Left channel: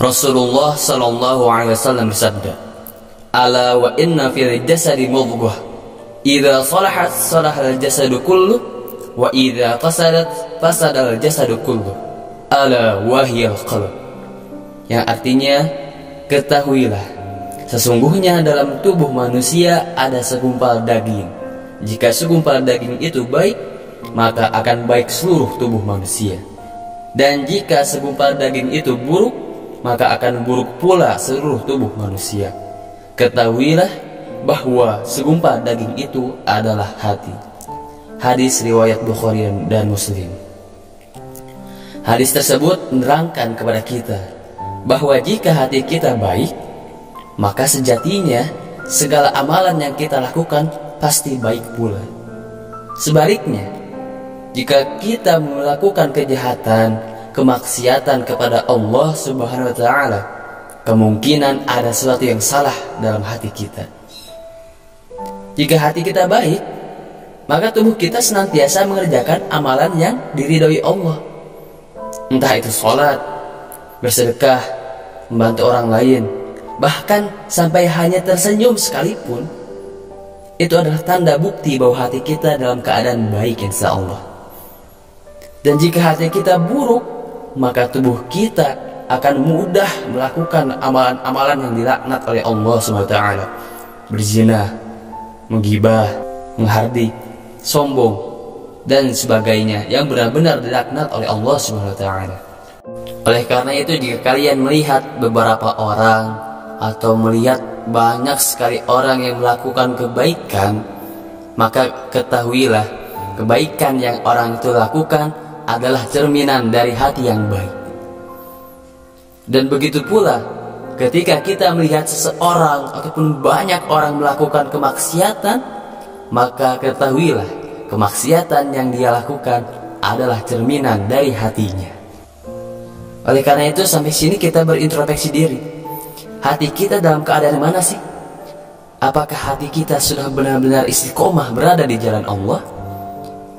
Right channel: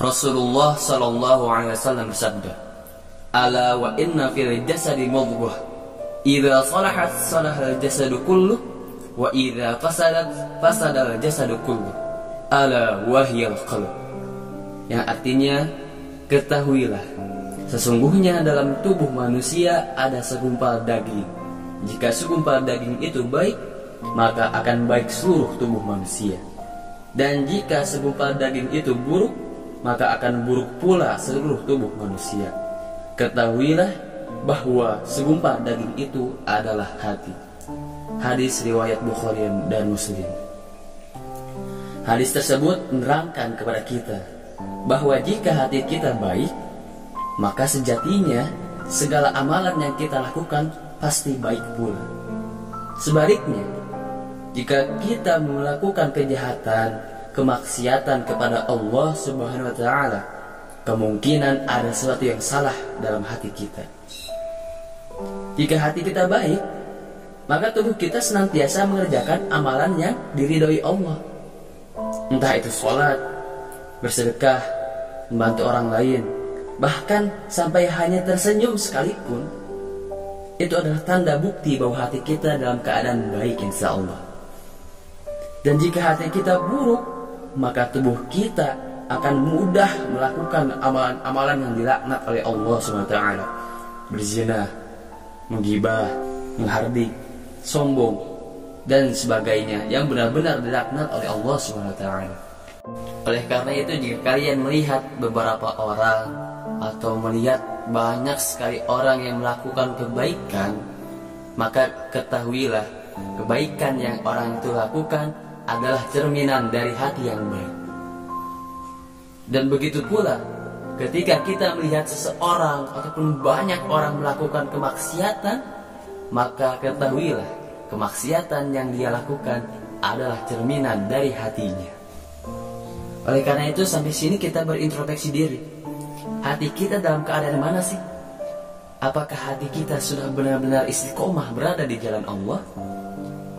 Rasulullah sallallahu alaihi wasallam bersabda, "Ala wa inna fil jasadi mudghah, idza salahat salahal jasadu kullu, wa idza fasadat fasadal jasadu kullu, ala wahiyal qalb." Yang artinya, ketahuilah, sesungguhnya dalam tubuh manusia ada segumpal daging. Jika segumpal daging itu baik, maka akan baik seluruh tubuh manusia. Dan jika segumpal daging itu buruk, maka akan buruk pula seluruh tubuh manusia. Ketahuilah bahwa segumpal daging itu adalah hati. Hadis riwayat Bukhari dan Muslim. Hadis tersebut menerangkan kepada kita bahwa jika hati kita baik, maka sejatinya segala amalan yang kita lakukan pasti baik pula. Sebaliknya, jika kita melakukan kejahatan, kemaksiatan kepada Allah Subhanahu wa Ta'ala, kemungkinan ada sesuatu yang salah dalam hati kita. Jika hati kita baik, maka tubuh kita senantiasa mengerjakan amalan yang diridhoi Allah. Entah itu sholat, bersedekah, membantu orang lain, bahkan sampai hanya tersenyum sekalipun, itu adalah tanda bukti bahwa hati kita dalam keadaan baik, insya Allah. Dan jika hati kita buruk, maka tubuh kita akan mudah melakukan amalan-amalan yang dilaknat oleh Allah SWT. Berzina, menggibah, menghardik, sombong, dan sebagainya yang benar-benar dilaknat oleh Allah SWT. Oleh karena itu, jika kalian melihat beberapa orang atau melihat banyak sekali orang yang melakukan kebaikan, maka ketahuilah kebaikan yang orang itu lakukan adalah cerminan dari hati yang baik. Dan begitu pula ketika kita melihat seseorang ataupun banyak orang melakukan kemaksiatan, maka ketahuilah kemaksiatan yang dia lakukan adalah cerminan dari hatinya. Oleh karena itu, sampai sini kita berintrospeksi diri. Hati kita dalam keadaan mana sih? Apakah hati kita sudah benar-benar istiqomah berada di jalan Allah?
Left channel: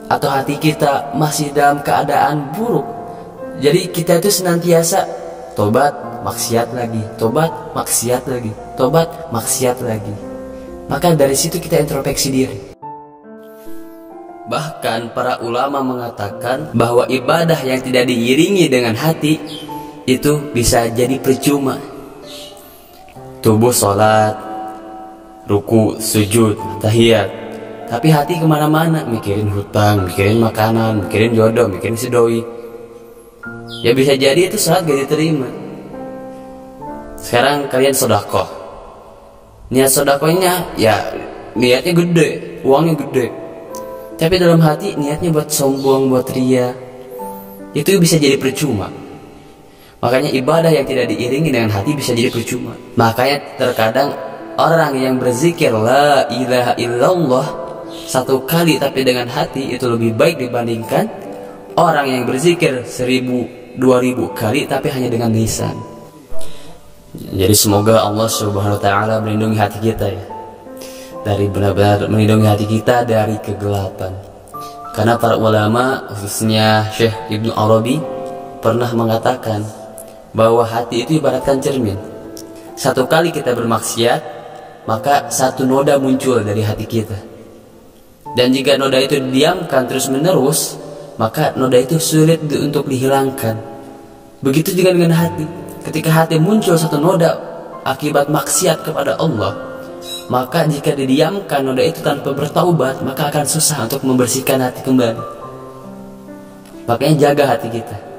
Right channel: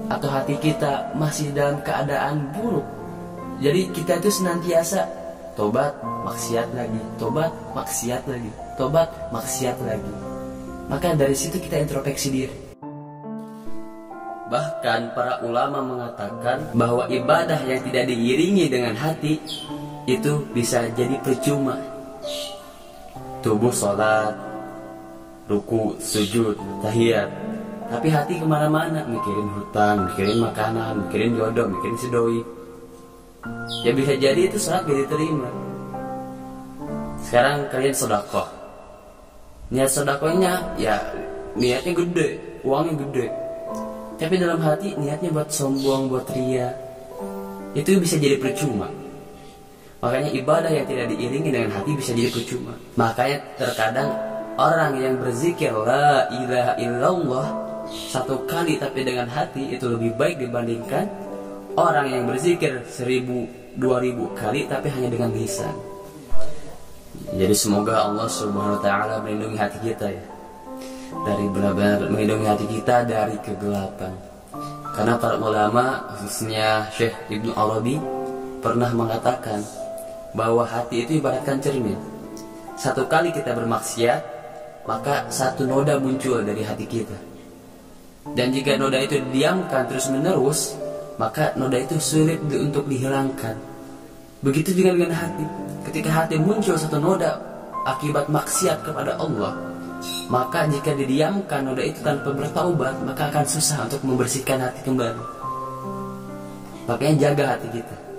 Atau hati kita masih dalam keadaan buruk? Jadi kita itu senantiasa tobat, maksiat lagi, tobat, maksiat lagi, tobat, maksiat lagi. Maka dari situ kita introspeksi diri. Bahkan para ulama mengatakan bahwa ibadah yang tidak diiringi dengan hati itu bisa jadi percuma. Tubuh sholat, ruku, sujud, tahiyat, tapi hati kemana-mana, mikirin hutang, mikirin makanan, mikirin jodoh, mikirin si doi. Ya bisa jadi itu saat gak diterima. Sekarang kalian sedekah. Niat sedekahnya ya niatnya gede, uangnya gede, tapi dalam hati niatnya buat sombong, buat ria. Itu bisa jadi percuma. Makanya ibadah yang tidak diiringi dengan hati bisa jadi percuma. Makanya terkadang orang yang berzikir la ilaha illallah satu kali tapi dengan hati itu lebih baik dibandingkan orang yang berzikir 1000, 2000 kali tapi hanya dengan lisan. Jadi semoga Allah Subhanahu wa Ta'ala melindungi hati kita ya, dari benar-benar melindungi hati kita dari kegelapan. Karena para ulama, khususnya Syekh Ibnu Arabi, pernah mengatakan bahwa hati itu ibaratkan cermin. Satu kali kita bermaksiat, maka satu noda muncul dari hati kita. Dan jika noda itu didiamkan terus menerus, maka noda itu sulit untuk dihilangkan. Begitu juga dengan hati. Ketika hati muncul satu noda akibat maksiat kepada Allah, maka jika didiamkan noda itu tanpa bertaubat, maka akan susah untuk membersihkan hati kembali. Makanya jaga hati kita.